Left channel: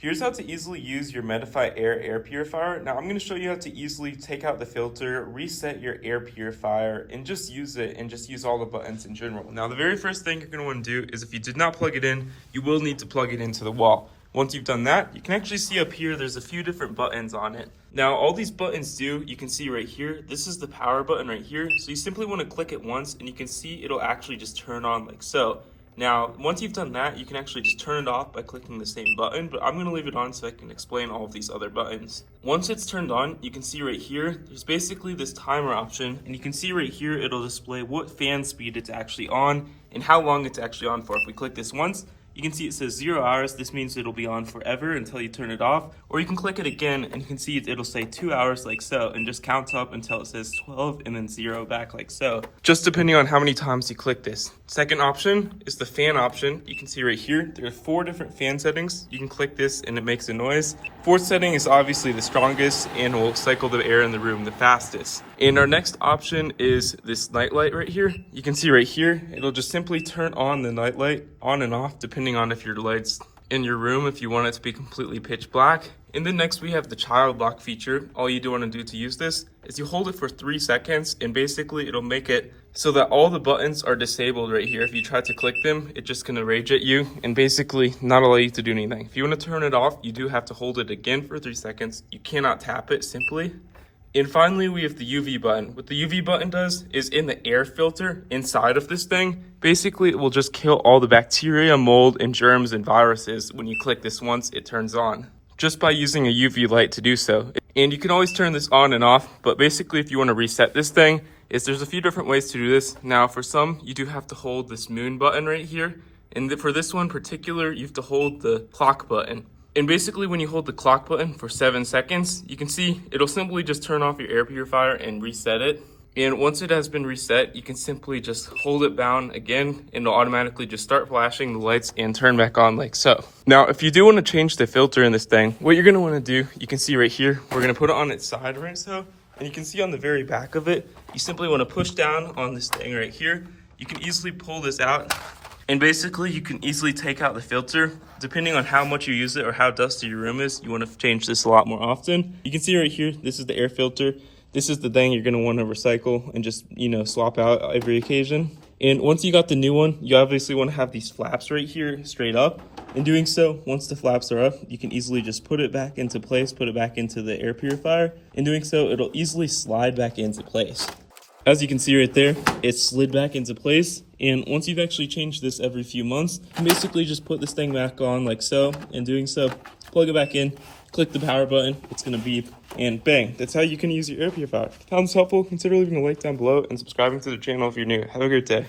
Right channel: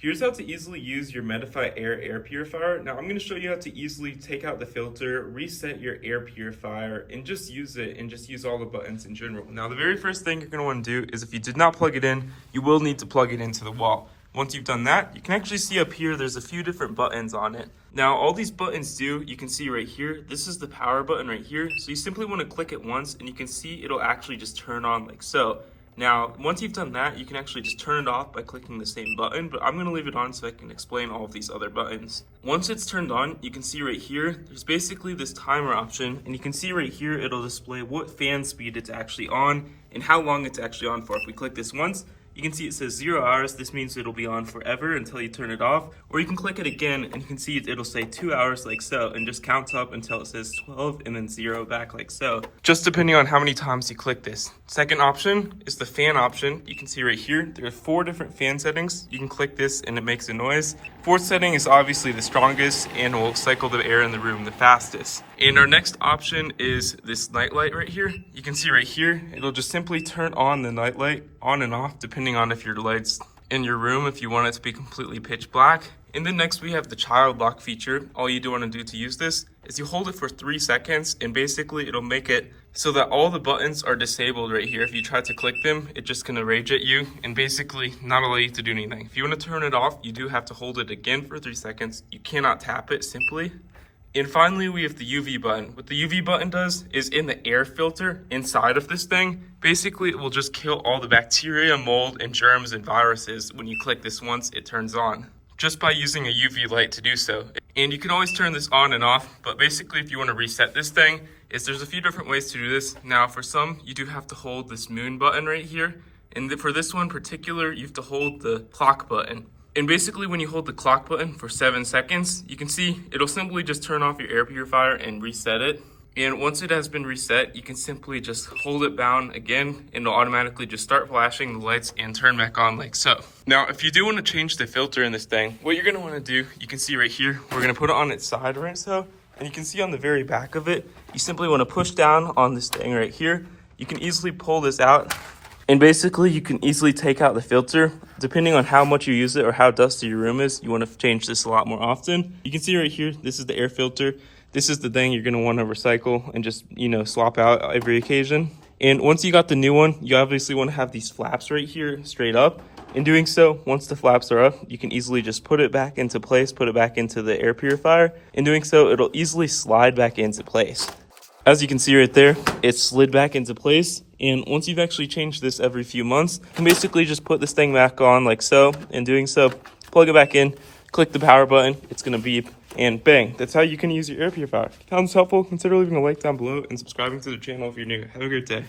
Here's how to easily use your Medify air purifier. Now I'm going to show you how to easily take out the filter, reset your air purifier, and just use it and just use all the buttons in general. Now the very first thing you're going to want to do is if you did not plug it in, you will need to plug it into the wall. Once you've done that, you can actually see up here, there's a few different buttons on it. Now all these buttons do, you can see right here, this is the power button right here. So you simply want to click it once and you can see it'll actually just turn on like so. Now, once you've done that, you can actually just turn it off by clicking the same button, but I'm going to leave it on so I can explain all of these other buttons. Once it's turned on, you can see right here, there's basically this timer option, and you can see right here, it'll display what fan speed it's actually on and how long it's actually on for. If we click this once, you can see it says 0 hours. This means it'll be on forever until you turn it off. Or you can click it again and you can see it'll say 2 hours like so and just counts up until it says 12 and then 0 back like so. Just depending on how many times you click this. Second option is the fan option. You can see right here, there are 4 different fan settings. You can click this and it makes a noise. Fourth setting is obviously the strongest and will cycle the air in the room the fastest. And our next option is this night light right here. You can see right here, it'll just simply turn on the night light on and off depending on if your light's in your room, if you want it to be completely pitch black. And then next we have the child lock feature. All you do want to do to use this is you hold it for 3 seconds and basically it'll make it so that all the buttons are disabled right here. If you try to click them, it's just gonna rage at you and basically not allow you to do anything. If you want to turn it off, you do have to hold it again for 3 seconds. You cannot tap it simply. And finally, we have the UV button. What the UV button does is in the air filter inside of this thing, basically it will just kill all the bacteria, mold, and germs and viruses. When you click this once, it turns on just by using a UV light to do so. And you can always turn this on and off, but basically if you want to reset this thing, there's a few different ways to do this. Now for some, you do have to hold this moon button right here. And for this one in particular, you have to hold the clock button. And basically when you hold the clock button for 7 seconds, you can see it'll simply just turn off your air purifier and reset it. And once it has been reset, you can simply just hold it down again and it'll automatically just start flashing the lights and turn back on like so. Now, if you do want to change the filter in this thing, what you're going to want to do, you can see right here, we're going to put it on its side right so. And you can see on the very back of it, you simply want to push down on this thing right here. You can easily pull this out. And basically, you can easily take out the filter. Depending on how much you use it or how dusty your room is, you want to change this a lot more often. You can see right here, this is the air filter. This is the thing you're going to want to recycle and just, swap out every occasion. And once you got the new one, you obviously want to have these flaps right here straight up. In doing so, once the flaps are up, you can easily just put it back into place, put it back into the air purifier. In doing so, it'll easily slide back into place. As you can see right there, it's slid back into place. And once you've actually changed this every few months, you can basically just put this thing back on like so. In doing so, plug it back in, click the power button, it's gonna beep, and bang. That's how you can use your air purifier. If you found this helpful, consider leaving a like down below and subscribing to the channel if you're new. Have a great day.